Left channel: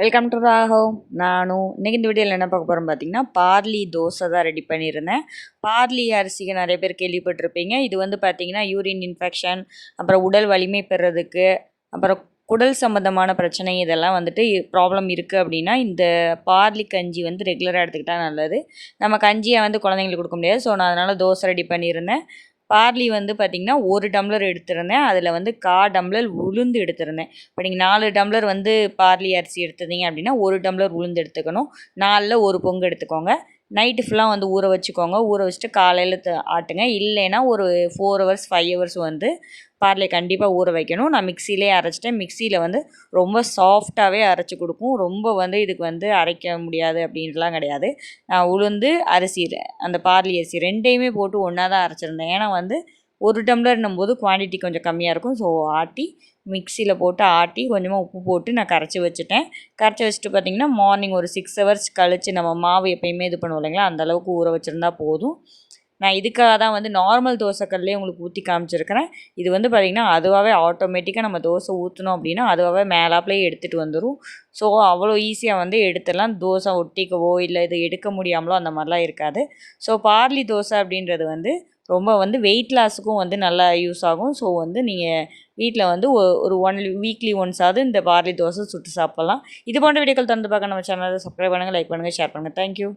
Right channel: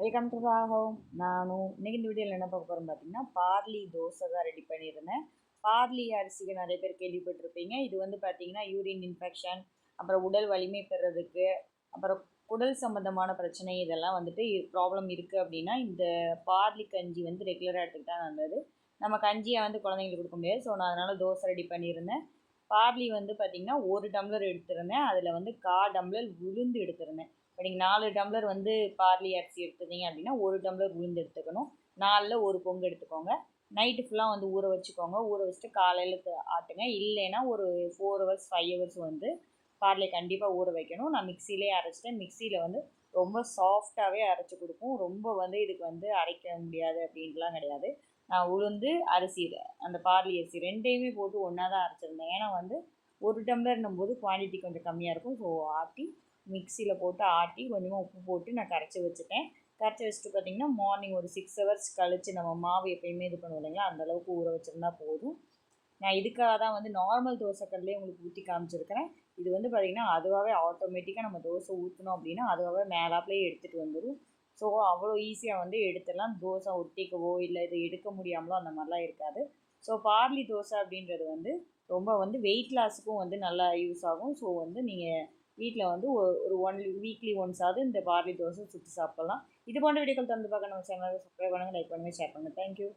Welcome to Raghav. இன்றைக்கி இந்த வீடியோவில் என்ன பார்க்க போகிறோம் பார்த்தீங்கன்னா, பார்லி தோசை தான் ரெடி பண்ணியிருந்தேன். பார்லி அரிசிக்கு நிறைய பேர் கேள்விப்பட்டிருப்பீங்க. இது வந்து பார்த்திங்கன்னா யூரின் இன்ஃபெக்ஷன், அப்புறம் உடல் வலிமை பெறதுக்கு, அப்புறம் குடல் சம்மந்தமான பிரச்சனை இதெல்லாம் வந்துட்டு ப்ராப்ளம் இருக்குது அப்படின்னா இந்த பார்லி கஞ்சி வந்து ரெகுலராக எடுத்துக்கிட்டால் நல்லது. நம்ம கஞ்சியை வந்து குழந்தைங்களுக்கு கொடுக்க முடியாது. ஸோ நான் அதனால் தோசை ரெடி பண்ணியிருந்தேன். பார்லி வந்து பார்த்திங்கன்னா 1 டம்ளர் எடுத்திருந்தேன். அதில் வந்து 1/4 டம்ளர் உளுந்து எடுத்திருந்தேன். இப்போ நீங்கள் 4 டம்ளர் வந்து பார்லி அரிசி எடுத்துருந்தீங்க அப்படின்னா 1 டம்ளர் உளுந்து எடுத்துக்கணும். 4ல் 1 பொங்கு எடுத்துக்கோங்க. நைட்டு ஃபுல்லாக வந்து ஊற வச்சுக்கோங்க. ஊற வச்சுட்டு காலையில் ஆட்டுங்க. இல்லைன்னா ஒரு 4 ஹவர்ஸ் 5 ஹவர்ஸ் வந்து பார்லே கண்டிப்பாக ஊற வைக்கணும். நான் மிக்சியிலே அரைச்சிட்டேன். மிக்சியில் வந்து ரொம்ப சாஃப்டாகவே அரைச்சி கொடுக்கும். ரொம்ப வந்து இதுக்கு வந்து அரைக்க முடியாது அப்படின்ட்டுலாம் கிடையாது. நான் உளுந்து அரிசி அந்த பார்லி அரிசி 2யுமே போட்டு ஒன்றா தான் அரைச்சிருந்தேன். ஏன்னா வந்து 1 டம்ளர்னும் போது குவான்டிட்டி கொஞ்சம் கம்மியாக இருக்கும். ஸோ மிக்சியில் போட்டு ஆட்டி கொஞ்சமாக உப்பு போட்டு நான் கரைச்சி வச்சுட்டேன். கரைச்சி வச்சுட்டு பார்த்திங்கன்னா மார்னிங் ஒரு 6 ஹவர்ஸ் கழித்து நம்ம மாவு எப்போயுமே இது பண்ணுவோம் இல்லைங்களா, அந்தளவுக்கு ஊற வச்சுருந்தா போதும். நான் இதுக்காக தான் வந்து நார்மல் தோசைக்கல்லே உங்களுக்கு ஊற்றி காமிச்சிருக்கிறேன். இது வந்து பார்த்திங்கன்னா அதுவாகவே ஆட்டோமேட்டிக்காக நம்ம தோசை ஊற்றணும் அப்படின்னா அதுவாகவே மேலாப்லேயே எடுத்துகிட்டு வந்துடும். ஸோ அவ்வளோ ஈஸியாக வந்து எடுத்துடலாம். தோசை ஒட்டிக்கவோ இல்லை இது எடுக்க முடியாமலோ அந்த மாதிரிலாம் இருக்காது. ஸோ பார்லி தோசை அப்படின்றது வந்து ரொம்ப வந்து வெயிட் லாஸுக்கும் வந்து நல்லா யூஸ் ஆகும். ஸோ வந்து நீங்கள் வீட்டில் வந்து ஒரு வீக்லி ஒன்ஸாவது இந்த பார்லி தோசை சுட்டு சாப்பிட்லாம். இது போன்ற வீடியோக்கள் தொடர்ந்து பார்க்க நம்ம சேனலை சப்ஸ்கிரைப் பண்ணுங்கள், லைக் பண்ணுங்கள், ஷேர் பண்ணுங்கள். தேங்க்யூ.